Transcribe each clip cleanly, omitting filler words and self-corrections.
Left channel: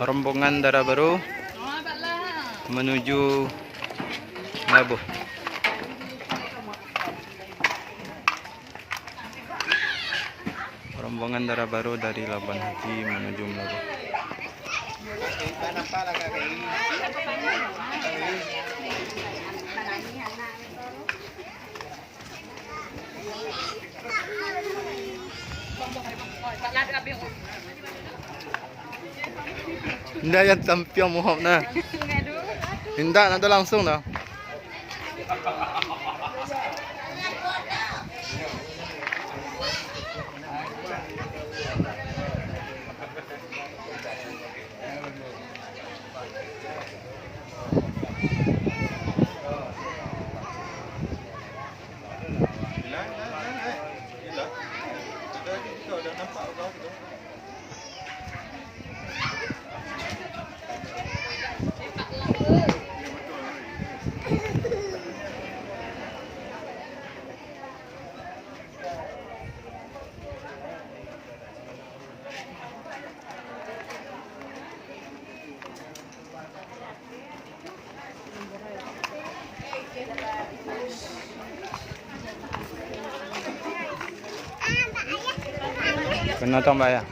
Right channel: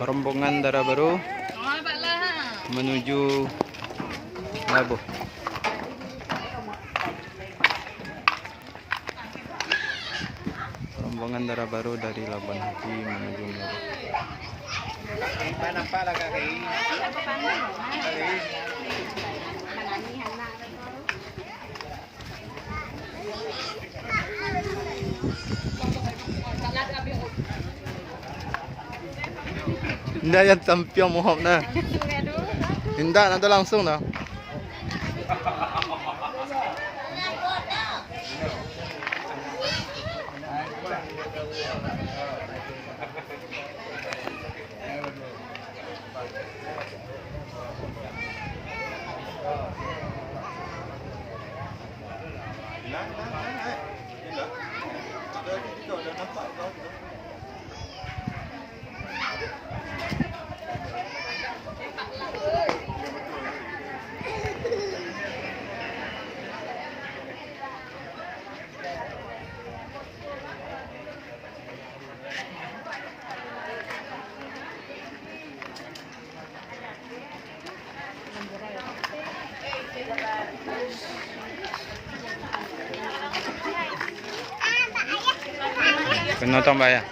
rombongan Dara Baru menuju Labuh. Rombongan Dara Baru dari Labuan Haji menuju Labuh. Hindi yan tampiang mohok na. Hindi, nado langsung na. Penonton bayar.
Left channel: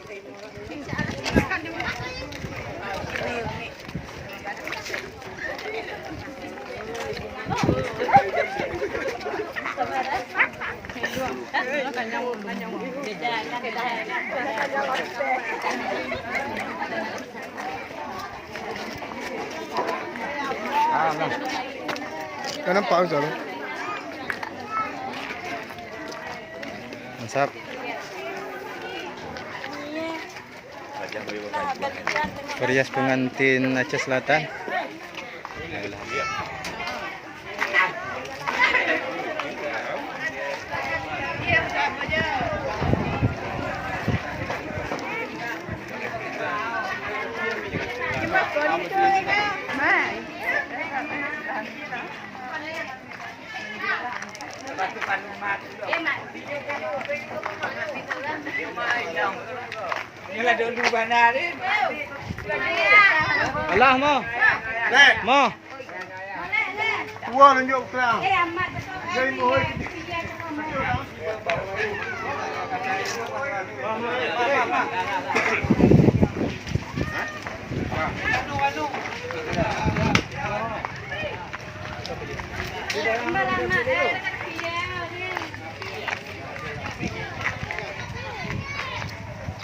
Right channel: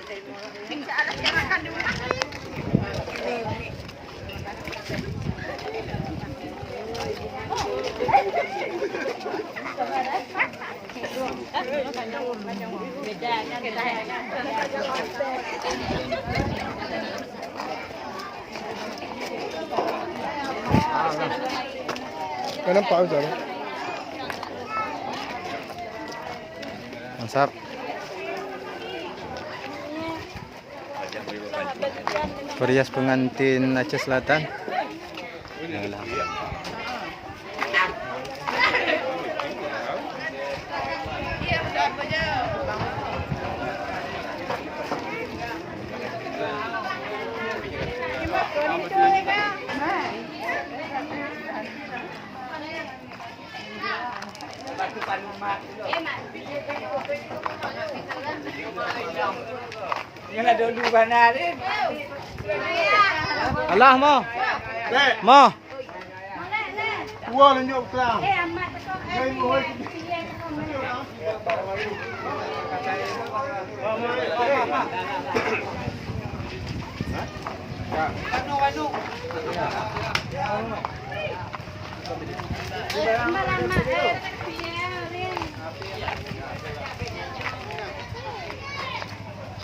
Kan nampak betul. Mantap. Perias pengantin Aceh Selatan. Alah mo. Mo. Tua tunjuk kelang. Jadi mohon.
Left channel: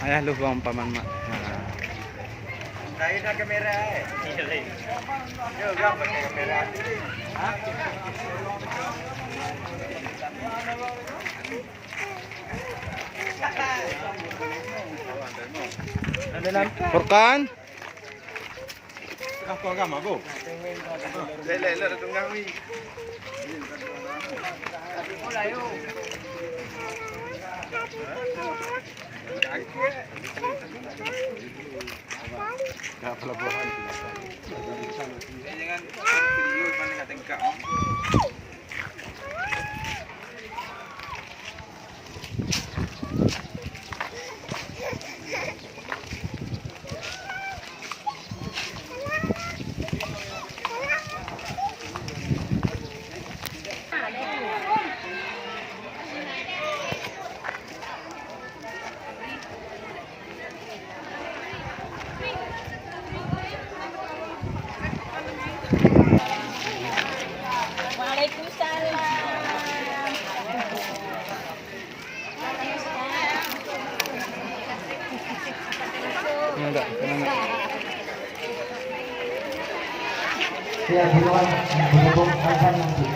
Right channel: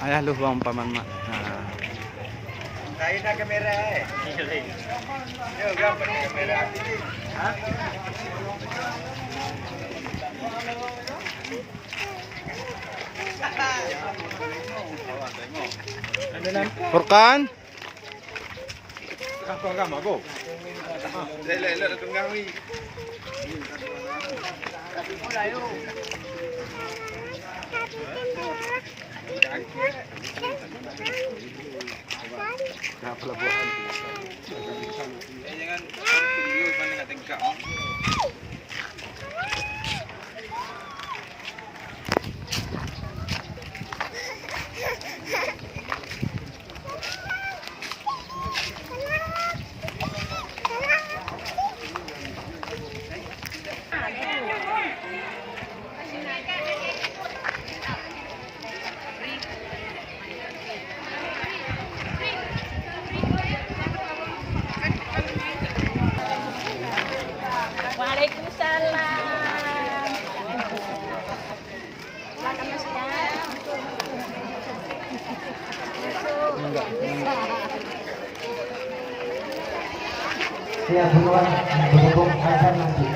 Ayah lu bang paman mak. Kain nak kamera Yo gambar kamera Furkan. Aku agama go. Lele tunggang ni. Jangan video mana kat tengkak. Enggak. Ya, hilang berhubung azan nanti.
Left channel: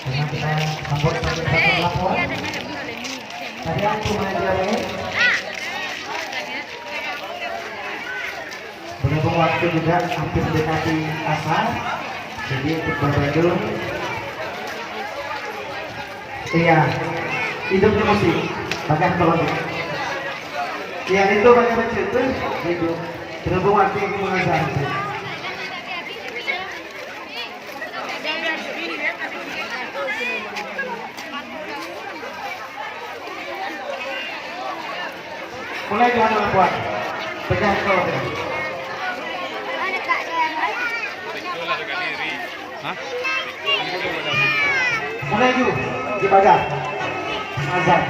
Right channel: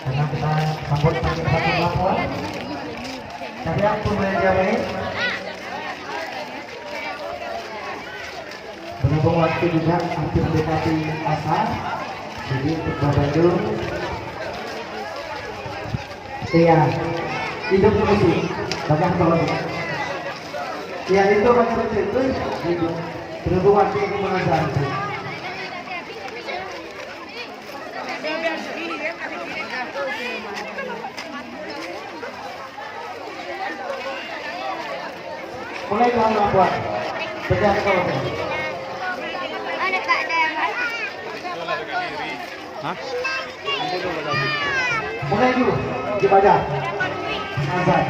Karena kita sambut sampai satu laporan. Tadi aku menjawab. Berhubung waktu juga hampir mendekati asar, jadi untuk Bandung, iya, hidup musik, bagian kolom. Iya itu bagian itu, itu berhubung waktu yang mengejar itu. Mulai Tuhan lakukan. Pegang kau. Hah? Mulai dulu. Di badan. Azan.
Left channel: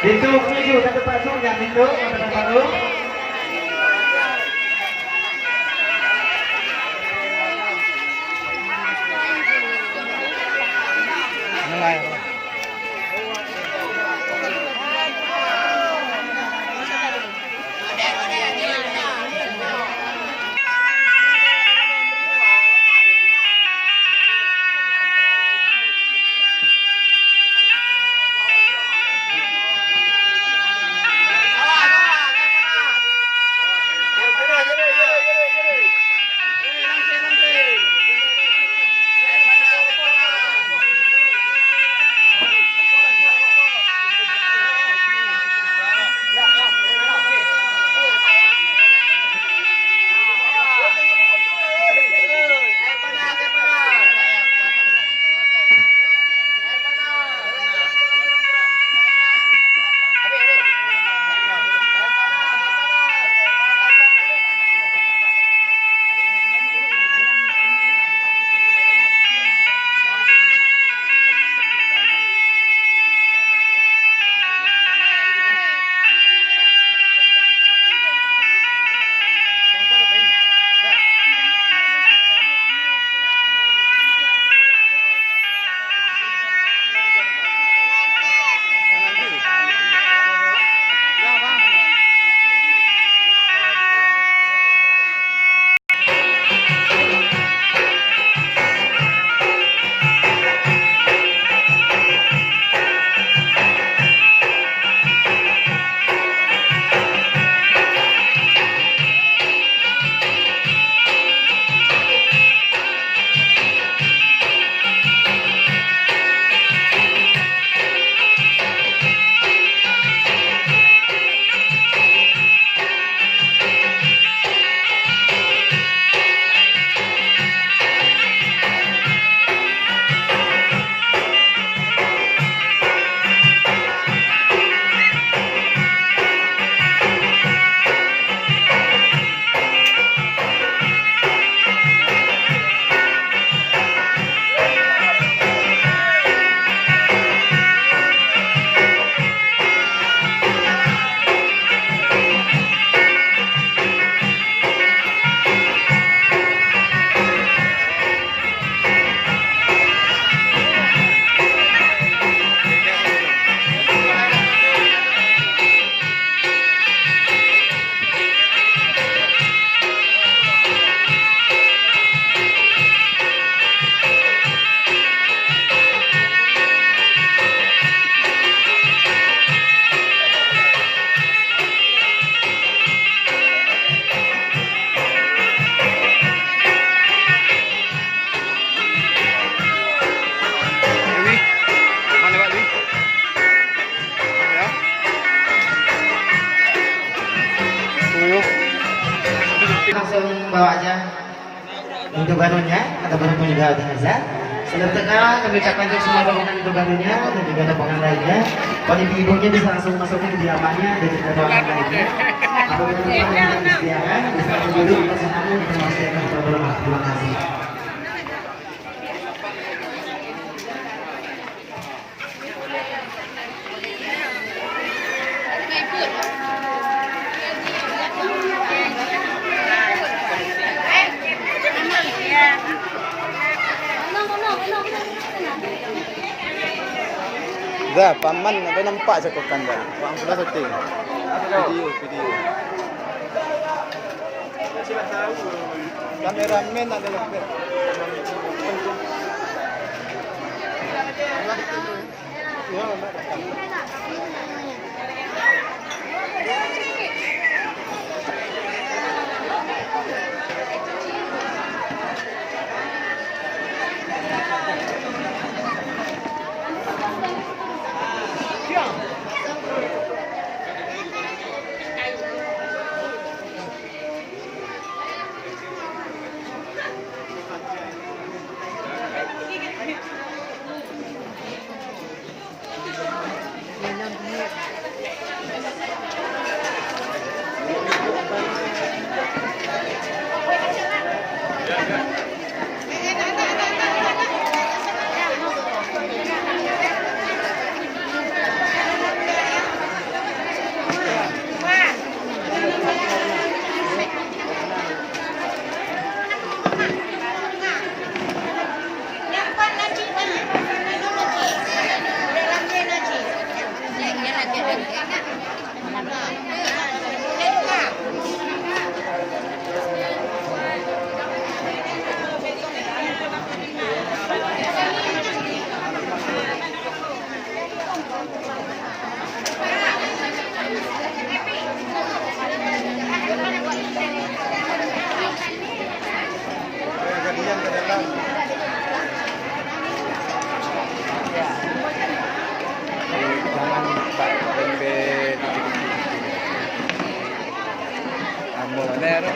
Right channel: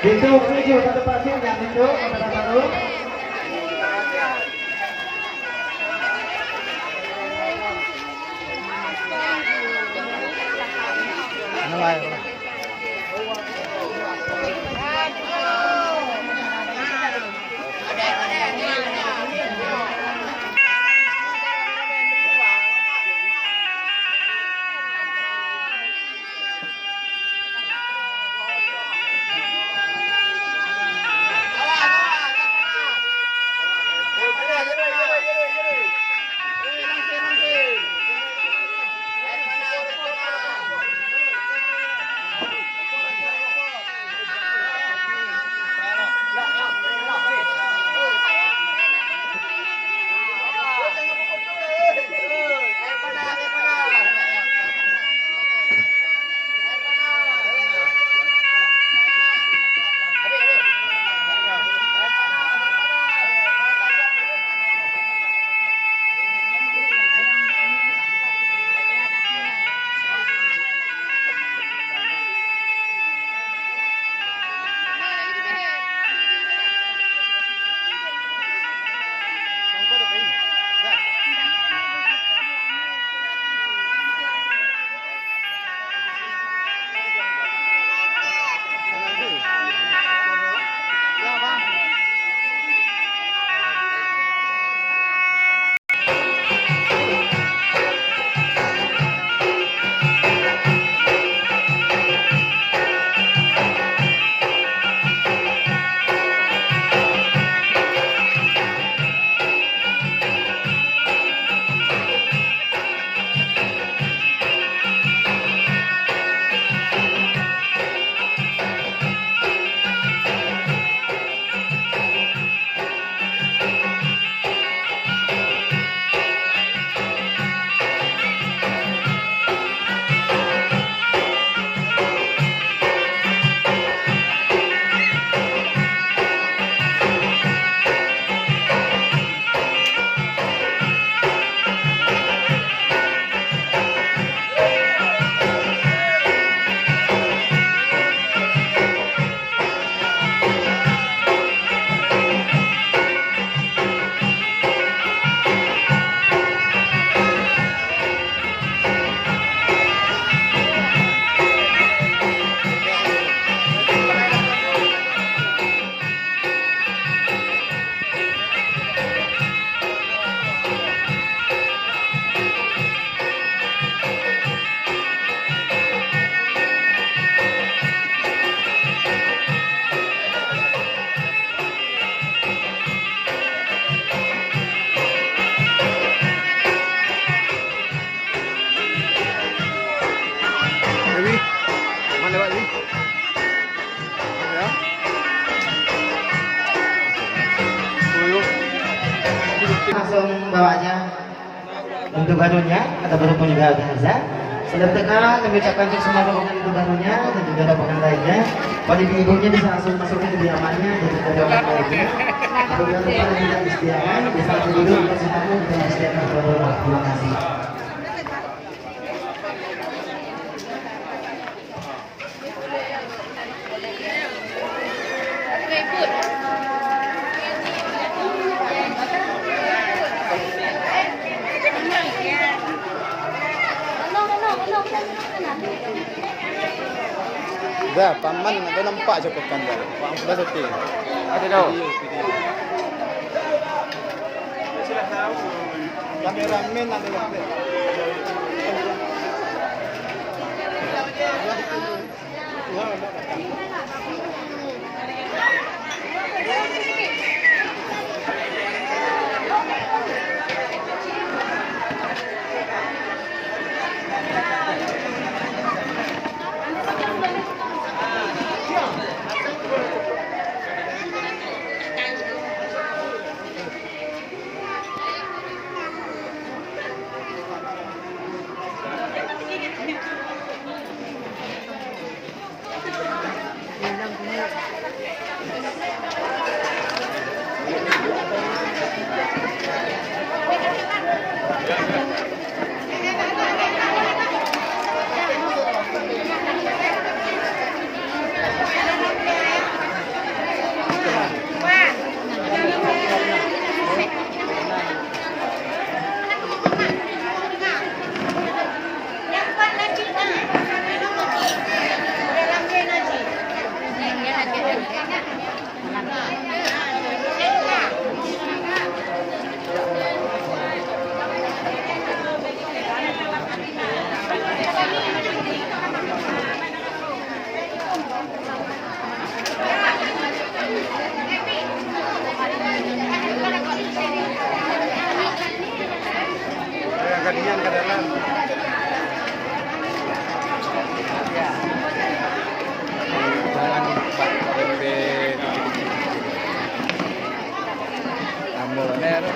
Pintu menuju satu pasung yang pintu kota baru. Ano nga yun? Langsung bawa aja untuk barunya atau baru meninggal jenazah. Dalam tengah kami ucapkan untuk semua rombongan untuk barunya dan juga rombongan lainnya. Kalau ibu-ibunya bisa langsung masuk ke kediamannya dan juga rombongan lainnya. Rombongan yang disediakan bisa duduk bersamamu dan disediakan rombongan. Terima kasih. Dah, paman ada nampak cakupan dah. Bang sudah okey. Ada dah. Video. Sudah tahu. Kameramen ada lagi. Jangan pak rembe amor nero.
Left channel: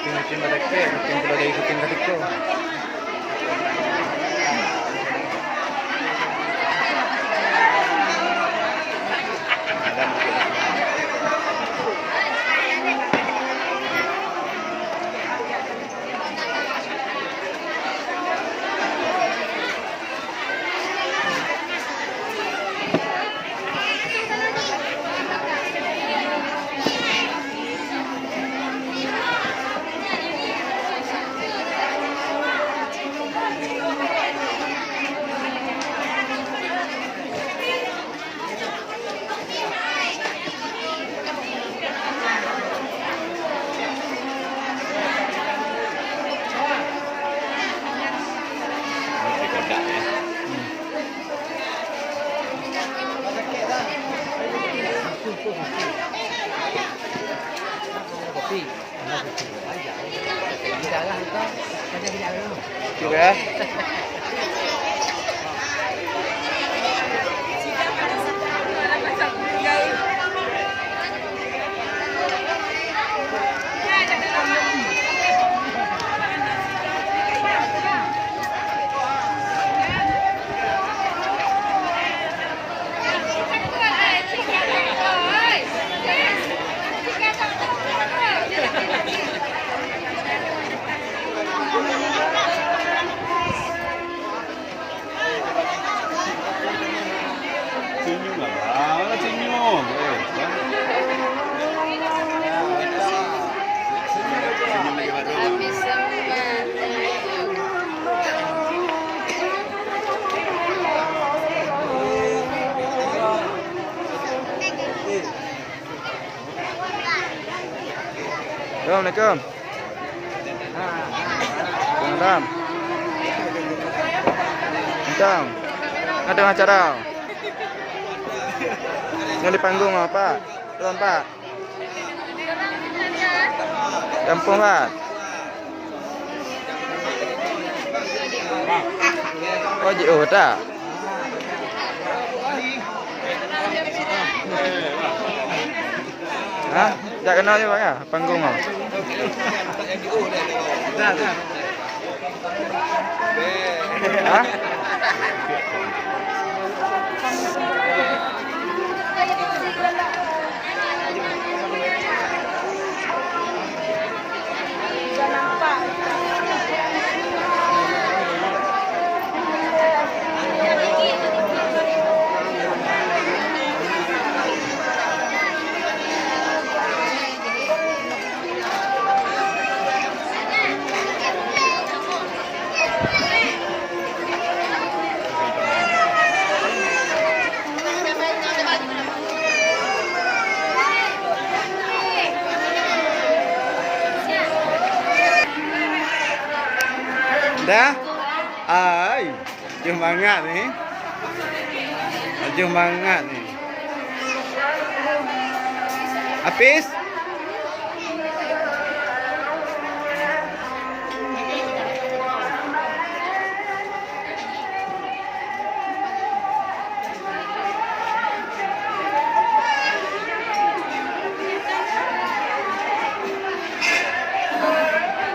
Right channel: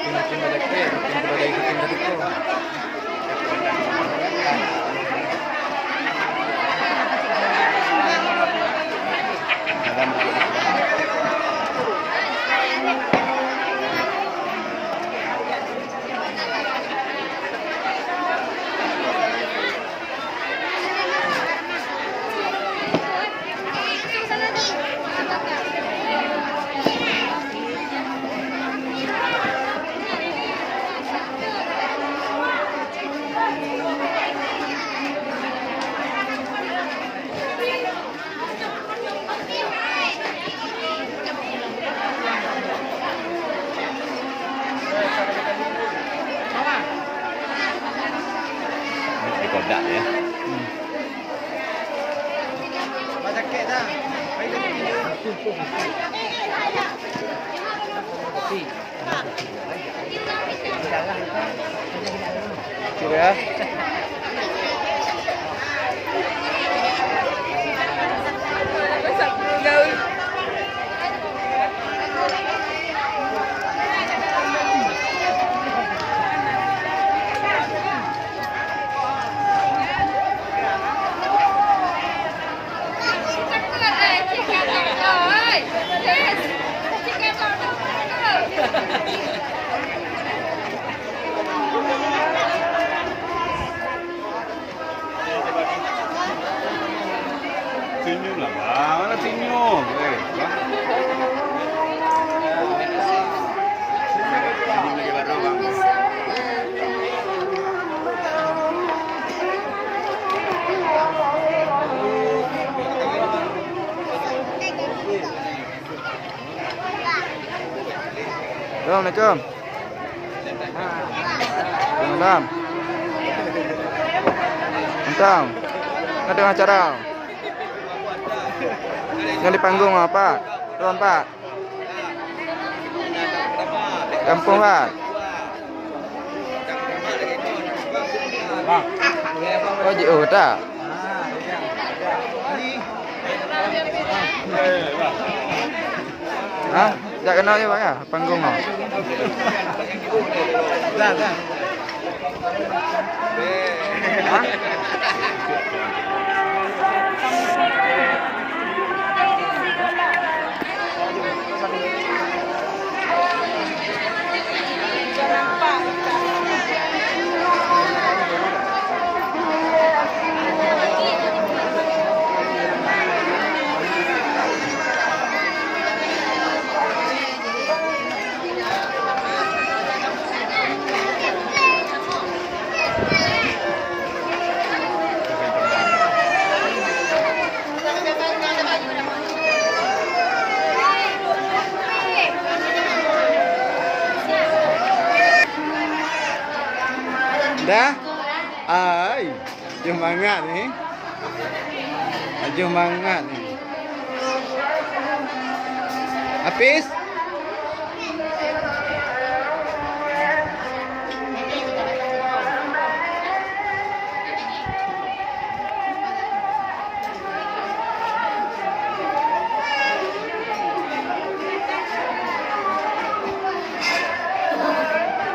Ikutin balik ko, ikutin balik ko. Gadak ya. Kira. Senyum lah bang, senyum. Senyum lagi baru bang. Assalamualaikum. Waalaikumsalam. Entang. Ada acara. Yang di panggung apa? Turun Pak. Kampung Pak. Oh, JO tak? Hah? Tak kenal je Pak ya? Panggung oh. Dah? Ai, semangat ni. Semangat ni. Habis?